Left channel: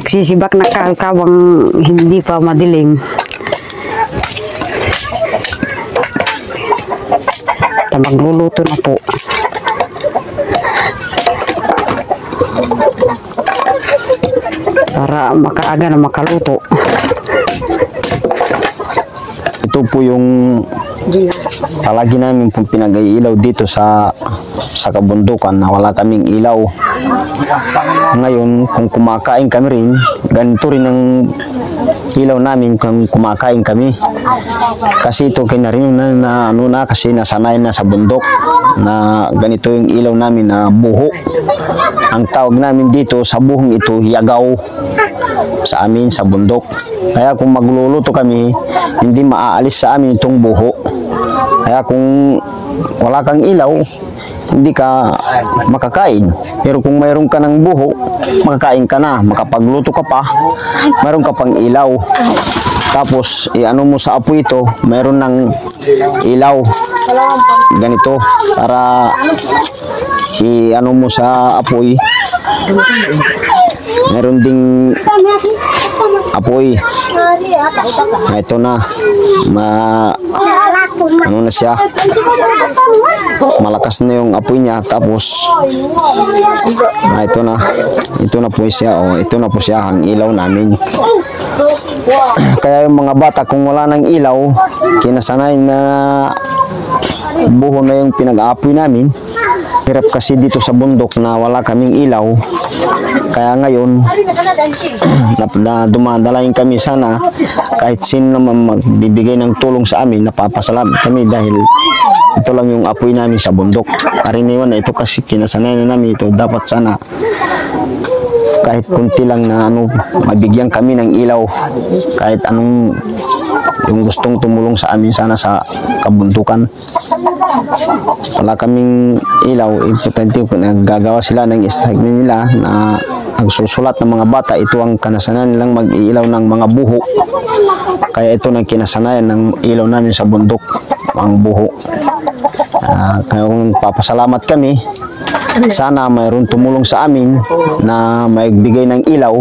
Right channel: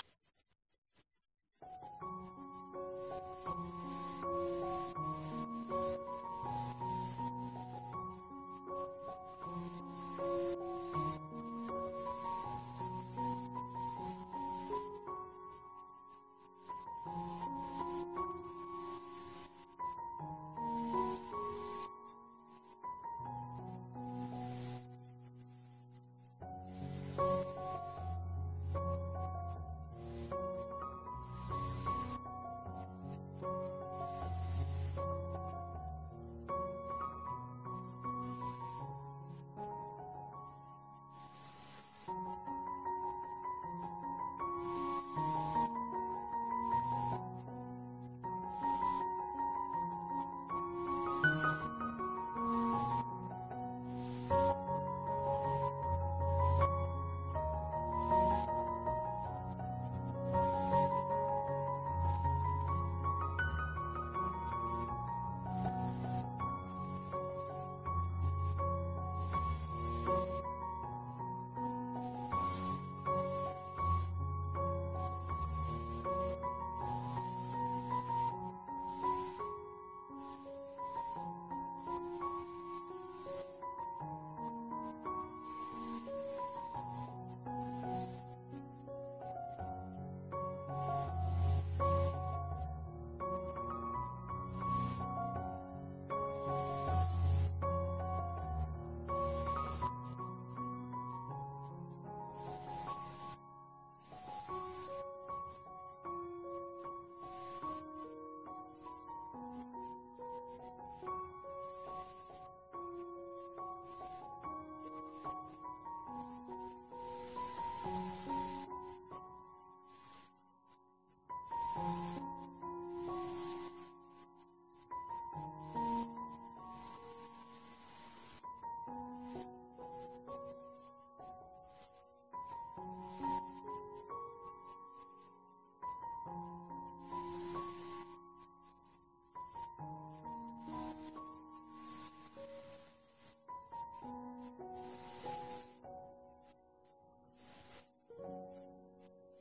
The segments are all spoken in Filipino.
Nagsisibak na kawang hindi pa madilim. Magluluto na po. Para makaaga na makaluto. Ito po yung palagi namin pong pinag-iilaw dito sa kabundukan na wala kaming ilaw. Ngayon, kung kumakain kami rin, ganito rin ang ilaw namin kung kumakain kami. Kasi ito kinarin na kasi nasanay na sa bundok na ganito yung ilaw namin na buho. Ang tawag namin dito sa buhong ito, yagaw sa amin sa bundok. Kaya kung magluluto kami, hindi maaalis sa amin itong buho. Kaya kung wala kang ilaw, hindi ka makakain. Pero kung mayroon ka ng buho, makakain ka na, makapagluto ka pa, mayroon ka pang ilaw. Tapos, i-ano mo sa apoy ito, mayroon ng ilaw. Ganito, para i-ano mo sa apoy, mayroon ding apoy. Ito na, ano na siya, malakas na yung apoy niya. Tapos ito na po siya. Ito na po siya ang ilaw namin. Kaya yung mga bata, kung wala ng ilaw, kinasanay na buho na yung pinag-aapoy namin. Hirap kasi dito sa bundok na wala kaming ilaw. Kaya ngayon, na dumadalain kami, sana kahit sino naman magbibigay ng tulong sa amin, napapasalamat kami dahil ito lang yung apoy namin sa bundok. Karaniwan na ito kasi kinasanay na namin ito. Dapat sana kahit kunti lang na mabigyan kami ng ilaw, kahit anong yung gustong tumulong sa amin sana sa kabundukan. Wala kaming ilaw, importante po naggagawa sila ng istag nila na nagsusulat ng mga bata. Ito ang kanasanayan nilang mag-iilaw ng mga buho. Kaya ito ang kinasanayan ng ilaw namin sa bundok, ang buho. Kaya kung papasalamat kami, sana mayroon tumulong sa amin na magbigay ng ilaw.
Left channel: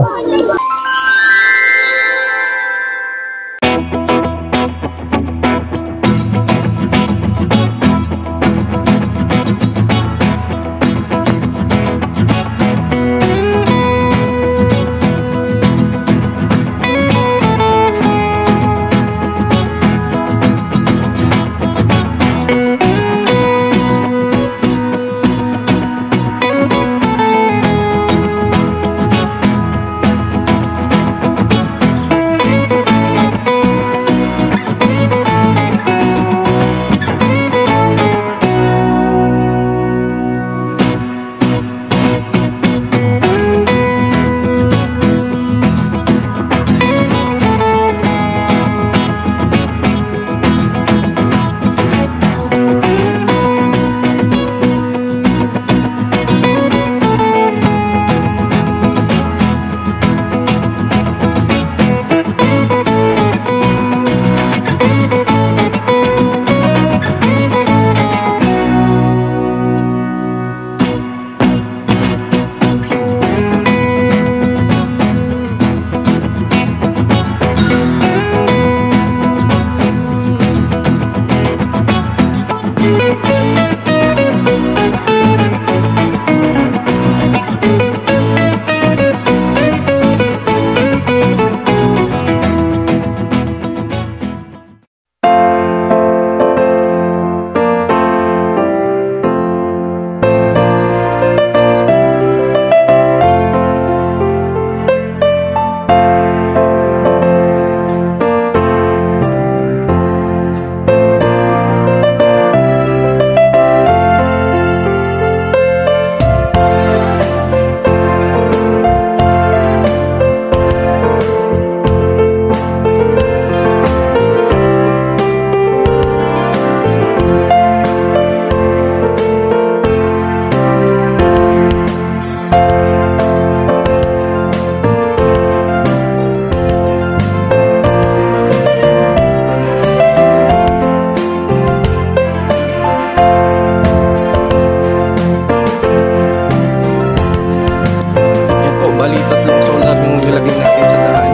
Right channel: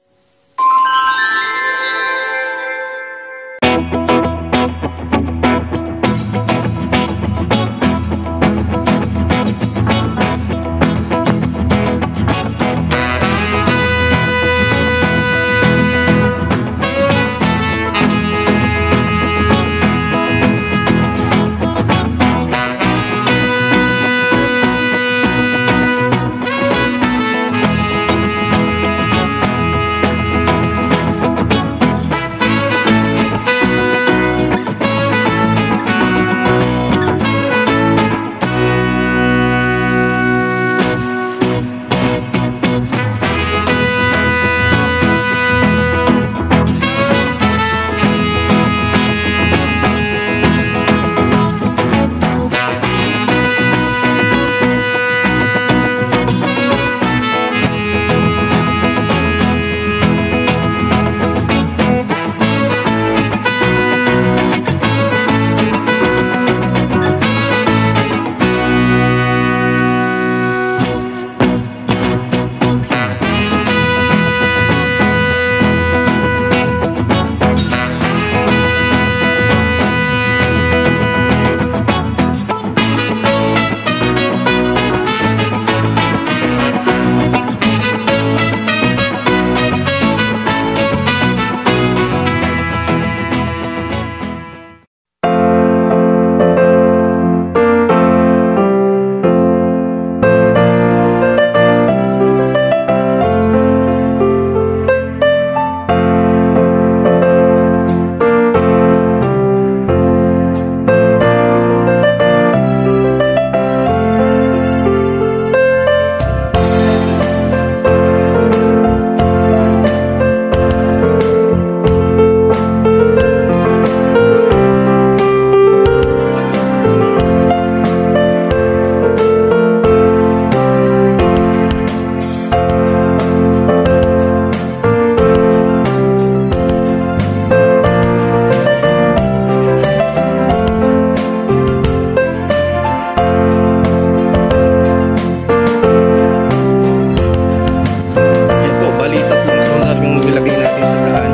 yung nilagay natin sa daan.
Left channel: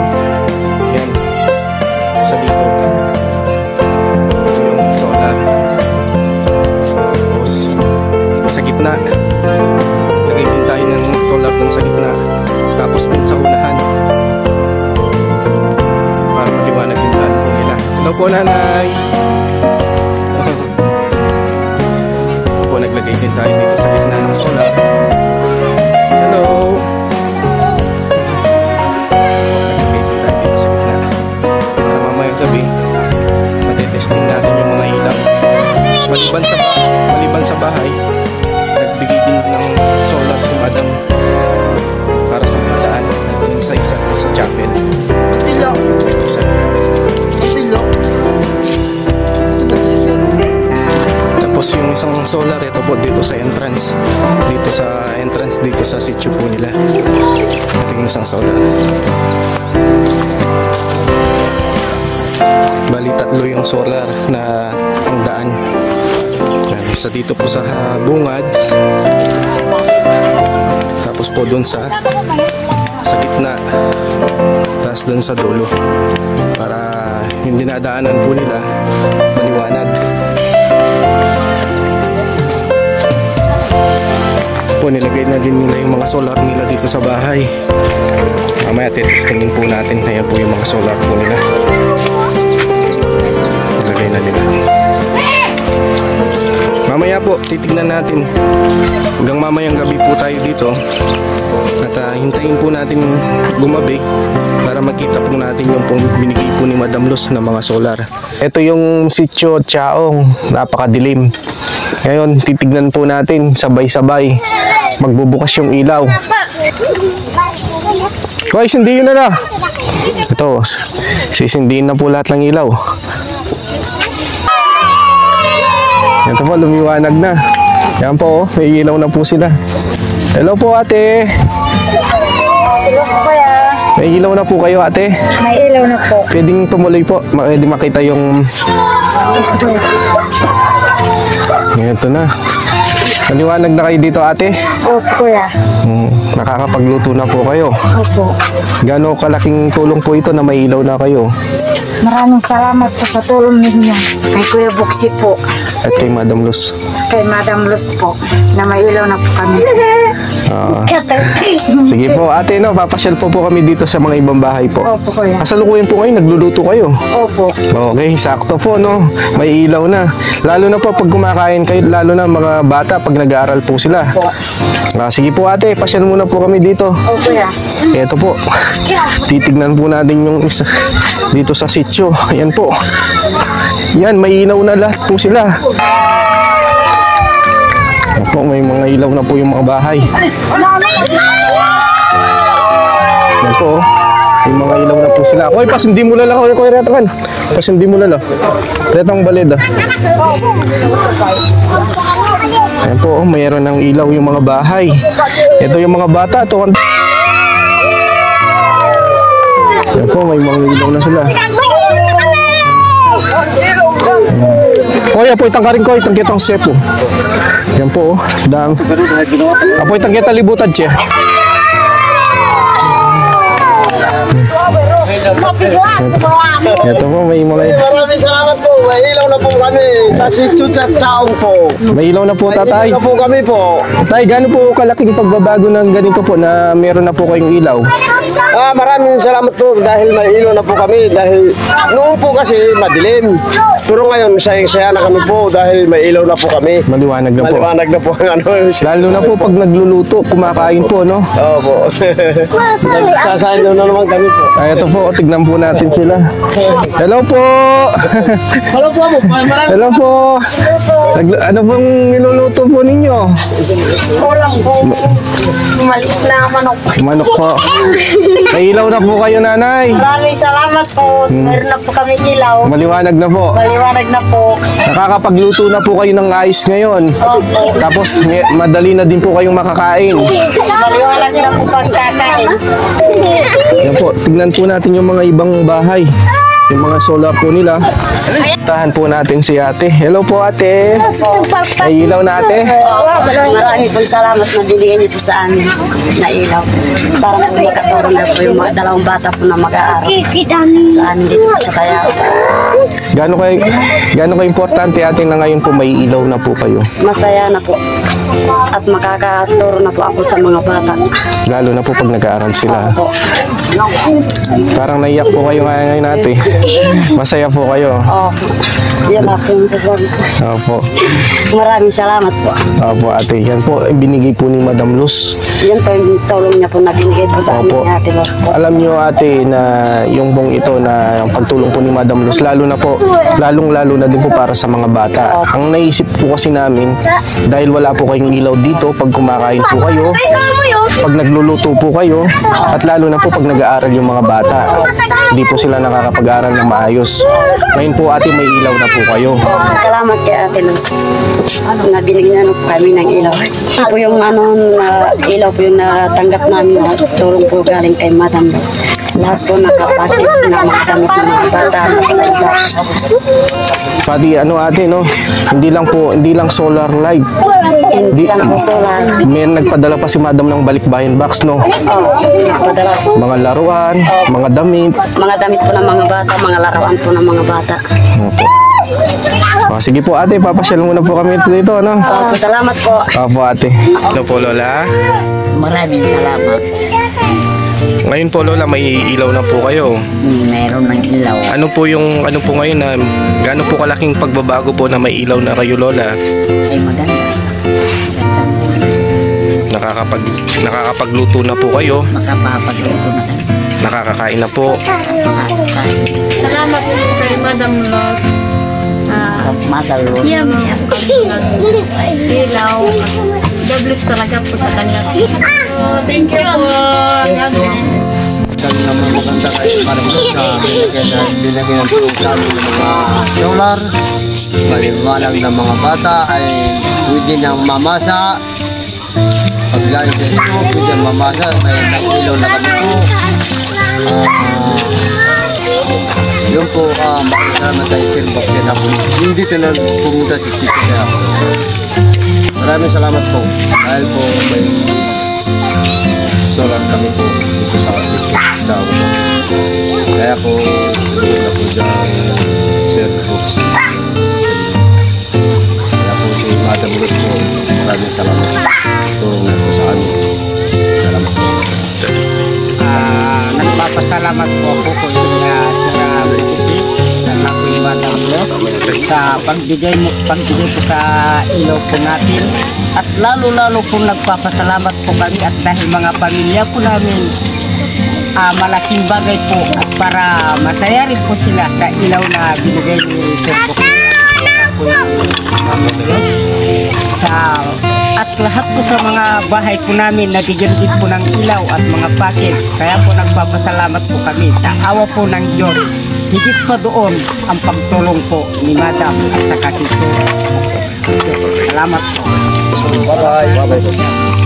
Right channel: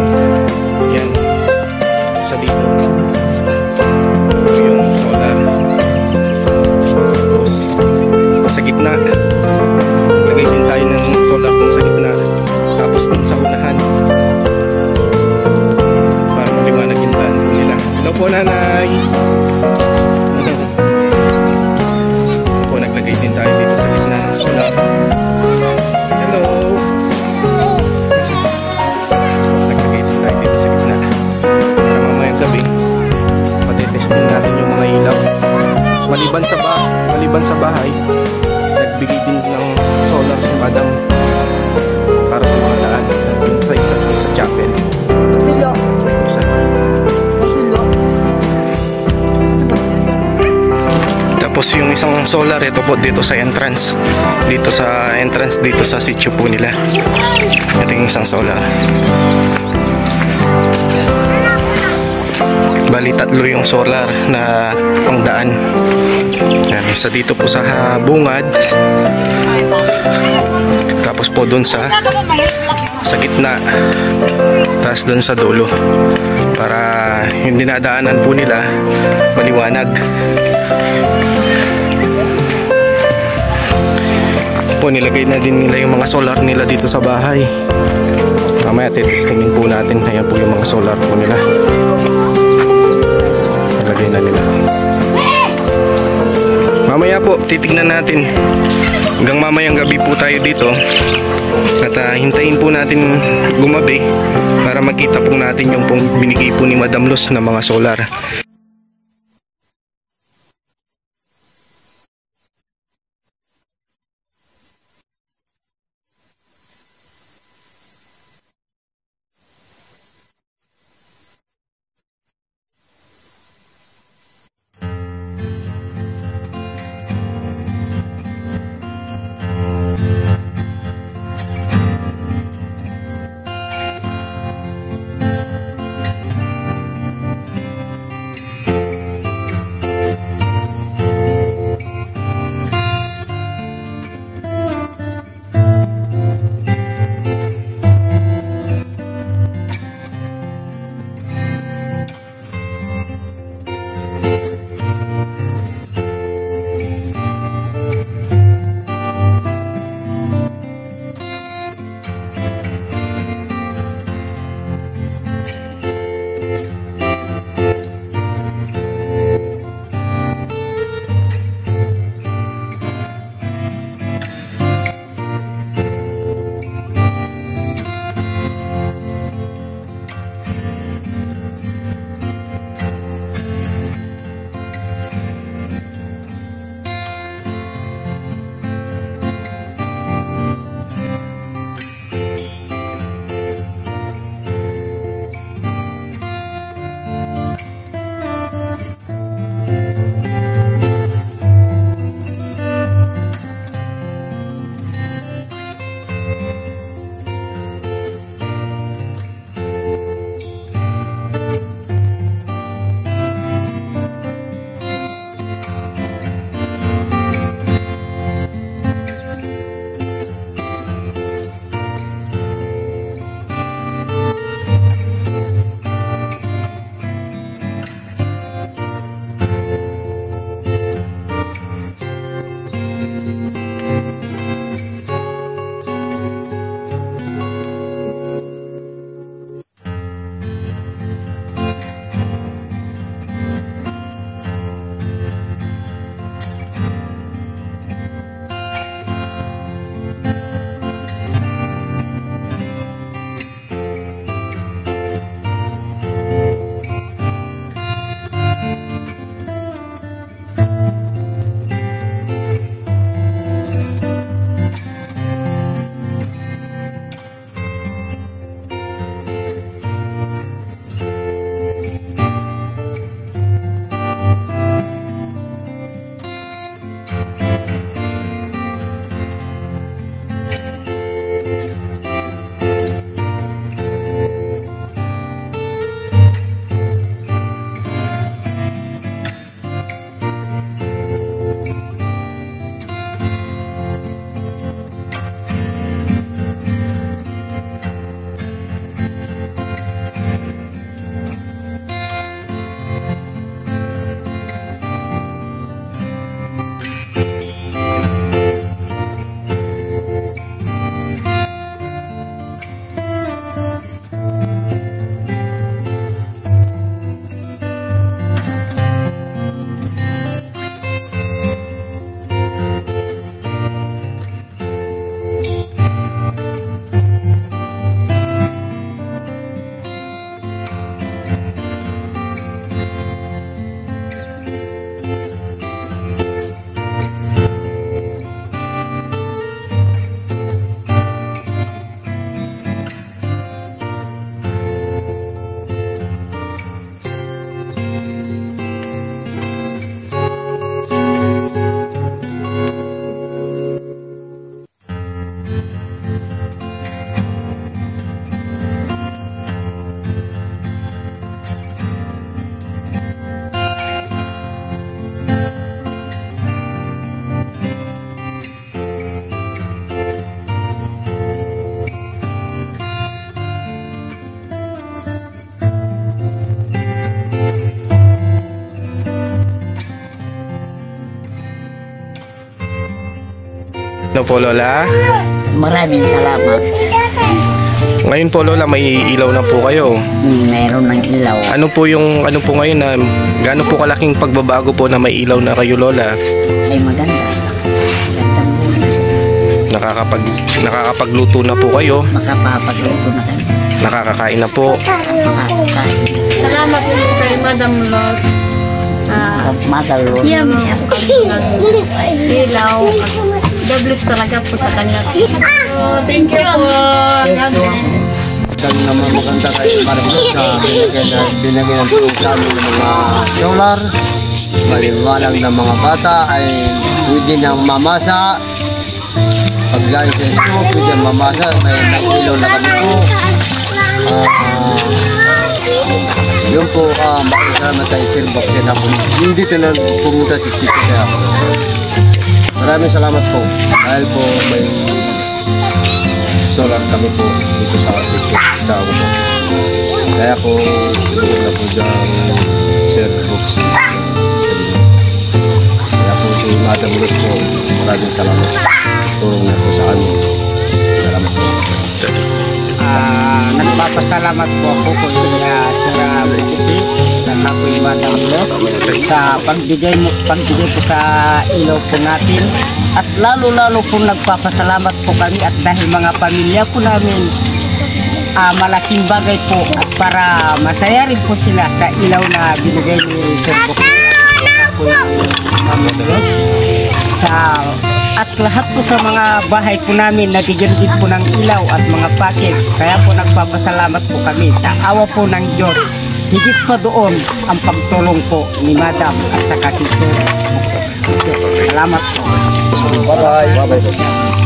Yan. Sa dito. Ito yung solar. Tapos, sa gitna. Lagay din tayo ng solar dun sa gitna. Tapos dun sa unahan. Para maliwanag yung daan po nila. Hello po, nanay! Po, naglagay din tayo dito sa gitna ng solar. Hello! Po, naglagay din tayo dito sa gitna. Para mamayang gabi, matetesting natin yung mga ilaw. Maliban sa bahay, nagbigay din ng solar si Madam para sa mga daan at dun sa isa dun sa chapel. Matilo. Isa. Matilo. Tapos yung isang solar, ito po dito sa entrance. Dito sa sitio po nila. Ito yung isang solar. Bali, 3 yung solar na pangdaan. Yan, isa dito po sa bungad. Tapos po doon sa gitna. Tapos doon sa dulo. Para yung dinadaanan po nila maliwanag. Po, nilagay na din nila yung mga solar nila dito sa bahay. Mamaya testingin po natin. Ayan po yung mga solar po nila. Nilagay na nila. Mamaya po titignan natin. Hanggang mamayang gabi po tayo dito. At hintayin po natin gumabi para makita po natin yung pong binigay po ni Madam Luz na mga solar. Ito yung sitio Chaong. Napakadilim. Ngayon titignan po natin sabay-sabay. Magbubukas yung ilaw. Guys, sindihin na na. Ito, sisindihin na po lahat ng ilaw. Ito po, lumiwanag na. Yan po, may ilaw na po sila. Hello po, ate. Hello po, kuya. May ilaw na po kayo, ate. May ilaw na po. Pwedeng tumuloy po. Pwede makita yung... Ito na. Maliwanag na kayo dito, ate. Opo, kuya. Nakakapagluto na po kayo. Opo. Gano'ng kalaking tulong po ito na may ilaw na kayo? Maraming salamat po sa tulong ninyo. Kay Kuya Buksi po. At kay Madam Luz. Kay Madam Luz po. Na may ilaw na po kami. Sige po, ate, no, papasyal po kami dito sa mga ibang bahay po. Opo, kuya. Kasalukuyan po kayo, nagluluto kayo. Opo. Okay, sakto po, no? May ilaw na. Lalo na po pag kumakain kayo, lalo na mga bata pag nag-aaral po sila. Sige po, ate, pasyal muna po kami dito. Opo, kuya. Eto po, titignan po natin yung isa dito sa sitio. Ayan po. Yan, may ilaw na lahat po sila. Ayan po, may mga ilaw na po yung mga bahay. Ayan po, may mga ilaw na po sila. Oy, pasindi mo lala, Koy Retakan. Pasindi mo lala. Retang baleda. Ayan po, mayroon ng ilaw yung mga bahay. Ito yung mga bata. Ito. Ayan po, may mga ilaw na sila. Koy, apoy tangkarin ko, itang kitang sepo. Ayan po, dang. Apoy tang kita libutan siya. Ito po, may mga... Maraming salamat po. May ilaw na po kami sa sitio Chaong po. May ilaw na po, tatay. May ilaw na po kami po. Tay, gaano po kalaking pagbabago ng ganito po na meron na po kayong ilaw? Maraming salamat po dahil may ilaw na po kami. Dahil noon po kasi madilim. Pero ngayon, sayang-saya na kami po dahil may ilaw na po kami. Maliwanag na po. Maliwanag na po ang ano. Lalo na po pag nagluluto, kumakain po, no? Oo po. Sasayin na naman kami po. Ay, ito po, tignan po natin sila. Hello po! Hello po. Hello po! Ano pong niluluto po ninyo? Kulang po. Maliit na manok. Manok po. May ilaw na po kayo, nanay. Maraming salamat po. Meron na po kami ilaw. Maliwanag na po. Maliwanag na po. Nakakapagluto na po kayo ng ayos ngayon. Opo. Tapos madali na din po kayong makakain. Maliwanag na po pagkakain. Ayan po, tignan po natin yung mga ibang bahay. yung mga solar po nila. Tahan po natin si ate. Hello po ate. Ay ilaw na ate. Marami pong salamat na binigyan niyo po sa amin na ilaw. Para po makatulong na po yung mga dalawang bata po na mag-aaral sa amin dito po sa Callao. Gaano kayo importante ate na ngayon po may ilaw na po kayo? Masaya na po. At makakaturo na po ako sa mga bata. Lalo na po pag nag-aaral sila. Opo. Parang naiyak po kayo ngayon ate. Masaya po kayo. Opo. Yan na po yung tulong. Opo. Maraming salamat po. Opo ate. Yan po binigay po ni Madam Luz. Yan po yung tulong niya po na binigay po sa amin Opo. ni Ate Luz. Alam niyo ate na yung bong ito na yung pagtulong po ni Madam Luz lalong-lalo na din po para sa mga bata. Ang naisip po kasi namin dahil wala po kayong ilaw dito pag kumakain po kayo, pag nagluluto po kayo, at lalo na po pag nag-aaral yung mga bata. Hindi po sila nakakapag-aaral ng maayos. Ngayon po ate may ilaw na po kayo. Salamat kay Ate Luz na binigyan po kami ng ilaw. Ito po yung na ilaw po yung natanggap namin na tulong po galing kay Madam Luz. Lahat po nakapatid na makagamit ng mga bata na ilaw. Pati ate no, hindi lang solar light. Hindi lang po solar. May nagpadala pa si Madam ng balikbayan box no. Padala po. Mga laruan, mga damit. Mga damit po ng mga bata, mga laruan po ng mga bata. Opo. Sige po ate, papasyal muna po kami dito ano. Opo, salamat po. Opo ate. Ano po lola? Maraming salamat. Ngayon po lola may ilaw na po kayo. Meron ng ilaw. Ano po ngayon na gaano po kalaking pagbabago po na may ilaw na kayo lola? Ay maganda. Nakakapagluto na po kayo. Makapapagluto na kayo. Nakakakain na po. Makakakain. Salamat po kay Madam Luz. Madalo. Iyak kami ng ilaw. Doubles talaga po sa kanya. Thank you po. God bless. Naman maganda kayo para binigyan ng tulong sa amin ng mga solar. Maliwanag ng mga bata ay pwede nang mamasa. Pag galing sa school, pwede nang mamasa. May ilaw na kami po. Yun po, maraming tayo silbak yan ako. Yung dito na pumunta si Tito kaya ako. Maraming salamat po. Dahil po may solar kami po dito sa Callao po. Kaya po, tulungan na po dyan Sir Brooks. Kaya po si Madam Luz po, maraming salamat. Tulong na po sa amin. Salamat po. Nagpapasalamat po ako kay Sir Brooks sa Kapoy Madam Luz sa pagbigay po sa ilaw po natin. At lalo po nagpapasalamat po kami at dahil mga pamilya po namin malaking bagay po at para masaya rin po sila sa ilaw na binigay ni Sir Brooks at lahat po sa mga bahay po namin nabigyan din po ng ilaw at mga packet. Kaya po nagpapasalamat po kami sa awa po ng Diyos. Higit pa doon ang pagtulong po ni Madam at saka si Sir. Salamat po. Bye-bye. Bye-bye.